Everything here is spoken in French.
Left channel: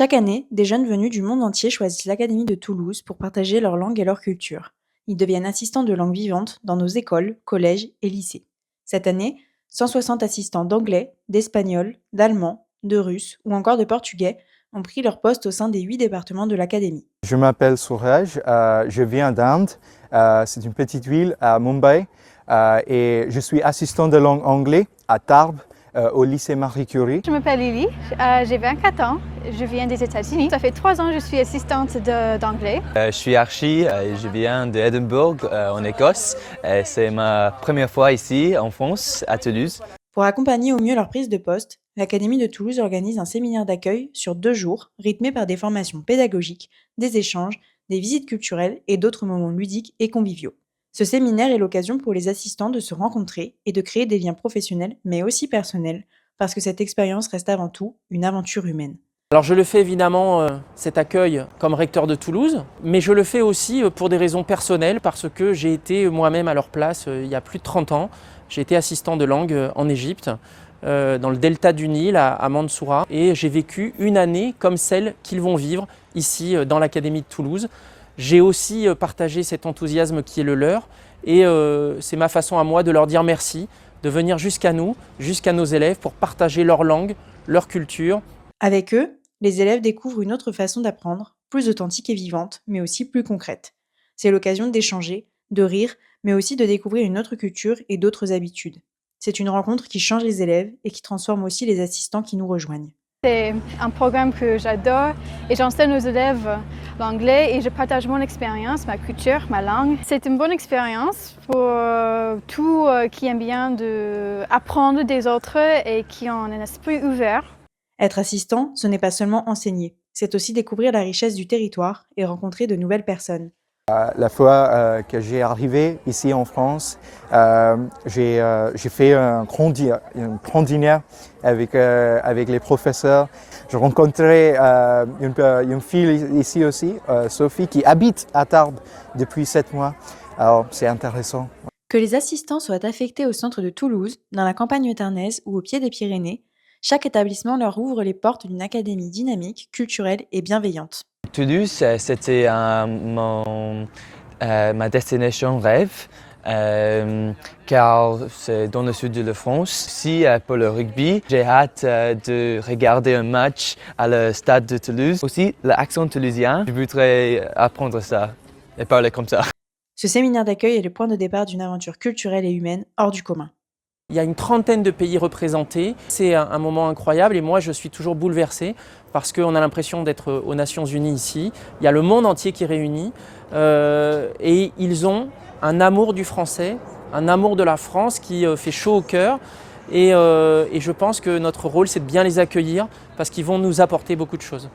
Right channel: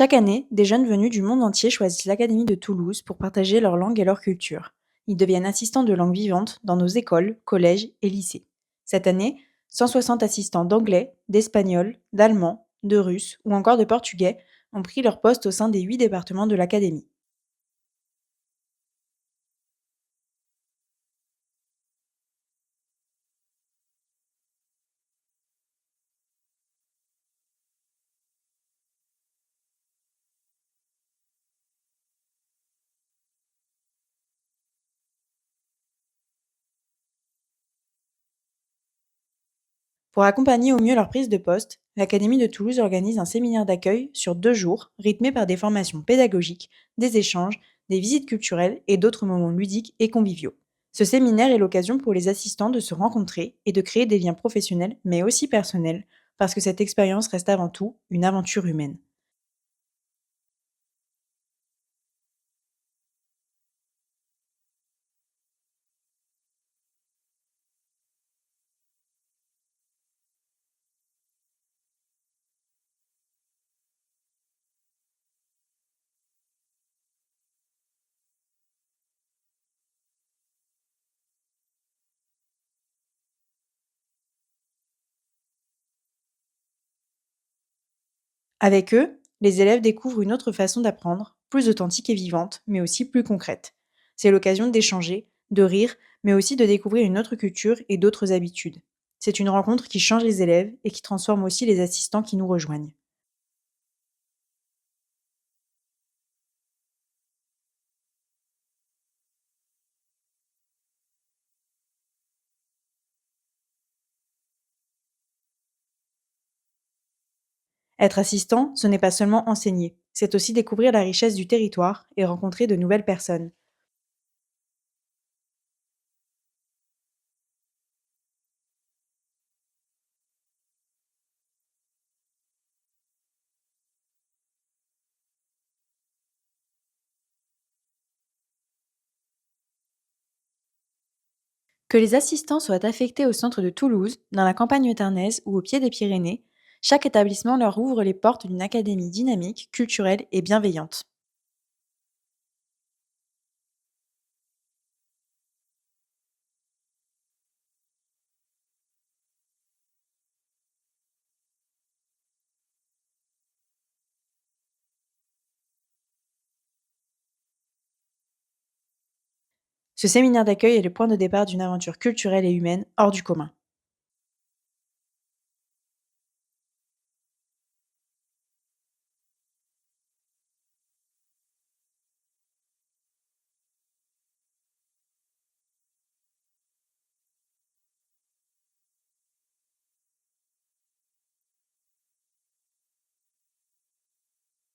Chaque année, des jeunes venus du monde entier choisissent l'Académie de Toulouse pour partager leur langue et leur culture. Ils deviennent assistants de langue vivante dans nos écoles, collèges et lycées. Cette année, 160 assistants d'anglais, d'espagnol, d'allemand, de russe ou encore de portugais ont pris leur poste au sein des 8 départements de l'Académie. Je m'appelle Suraj, je viens d'Inde, c'est une petite ville à Mumbai et je suis assistant de langue anglais à Tarbes au lycée Marie Curie. Je m'appelle Lily, j'ai 24 ans, je viens des États-Unis. Ça fait 3 ans que je suis assistante d'anglais. Je suis Archie, je viens d'Édimbourg en Écosse. C'est ma première fois ici en France, à Toulouse. Pour accompagner au mieux leur prise de poste, l'Académie de Toulouse organise un séminaire d'accueil sur 2 jours, rythmé par des formations pédagogiques, des échanges, des visites culturelles et d'autres moments ludiques et conviviaux. Ce séminaire est l'occasion pour les assistants de se rencontrer et de créer des liens professionnels, mais aussi personnels, parce que cette expérience reste avant tout une aventure humaine. Alors je le fais évidemment, cet accueil, comme recteur de Toulouse, mais je le fais aussi pour des raisons personnelles, parce que j'ai été moi-même à leur place il y a plus de 30 ans. J'ai été assistant de langue en Égypte, dans le delta du Nil, à Mansoura, et j'ai vécu une année comme celle qu'ils vont vivre ici dans l'Académie de Toulouse. J'ai aussi partagé cet enthousiasme qui est le leur, et c'est ma façon à moi de leur dire merci, de venir jusqu'à nous, jusqu'à nos élèves, pour partager leur langue, leur culture. Avec eux, les élèves découvrent une autre façon d'apprendre, plus authentique et vivante, mais aussi plus concrète. C'est l'occasion d'échanger, de rire, mais aussi de découvrir une autre culture et d'autres habitudes. C'est une rencontre qui change les élèves et qui transforme aussi les assistants qui nous rejoignent. C'est un programme que j'adore et j'enseigne aux élèves l'anglais et je partage mon expérience, ma culture, ma langue. C'est une bonne expérience pour tous qui aiment bien apprendre des autres et qui ont un esprit ouvert. Être assistant, ce n'est pas seulement enseigner, c'est aussi découvrir la richesse du territoire et rencontrer de nouvelles personnes. La fois que j'ai arrivé ici en France, j'ai fait un grand dîner avec les professeurs. Je rencontrais une fille ici aussi, Sophie, qui habite à Tarbes depuis 7 mois. Alors c'est intéressant. Que les assistants soient affectés au centre de Toulouse, dans la campagne tarnaise ou au pied des Pyrénées, chaque établissement leur ouvre les portes d'une académie dynamique, culturelle et bienveillante. Toulouse, c'était ma destination rêve, car c'est dans le sud de la France. Aussi pour le rugby, j'ai hâte de regarder un match à le stade de Toulouse. Aussi l'accent toulousien, je voudrais apprendre ça et parler comme ça. Ce séminaire d'accueil est le point de départ d'une aventure culturelle et humaine hors du commun. Il y a une trentaine de pays représentés. C'est un moment incroyable et moi je suis toujours bouleversé parce qu'on a l'impression d'être aux Nations Unies ici. Il y a le monde entier qui est réuni et ils ont un amour du français, un amour de la France qui fait chaud au cœur et je pense que notre rôle c'est de bien les accueillir parce qu'ils vont nous apporter beaucoup de choses.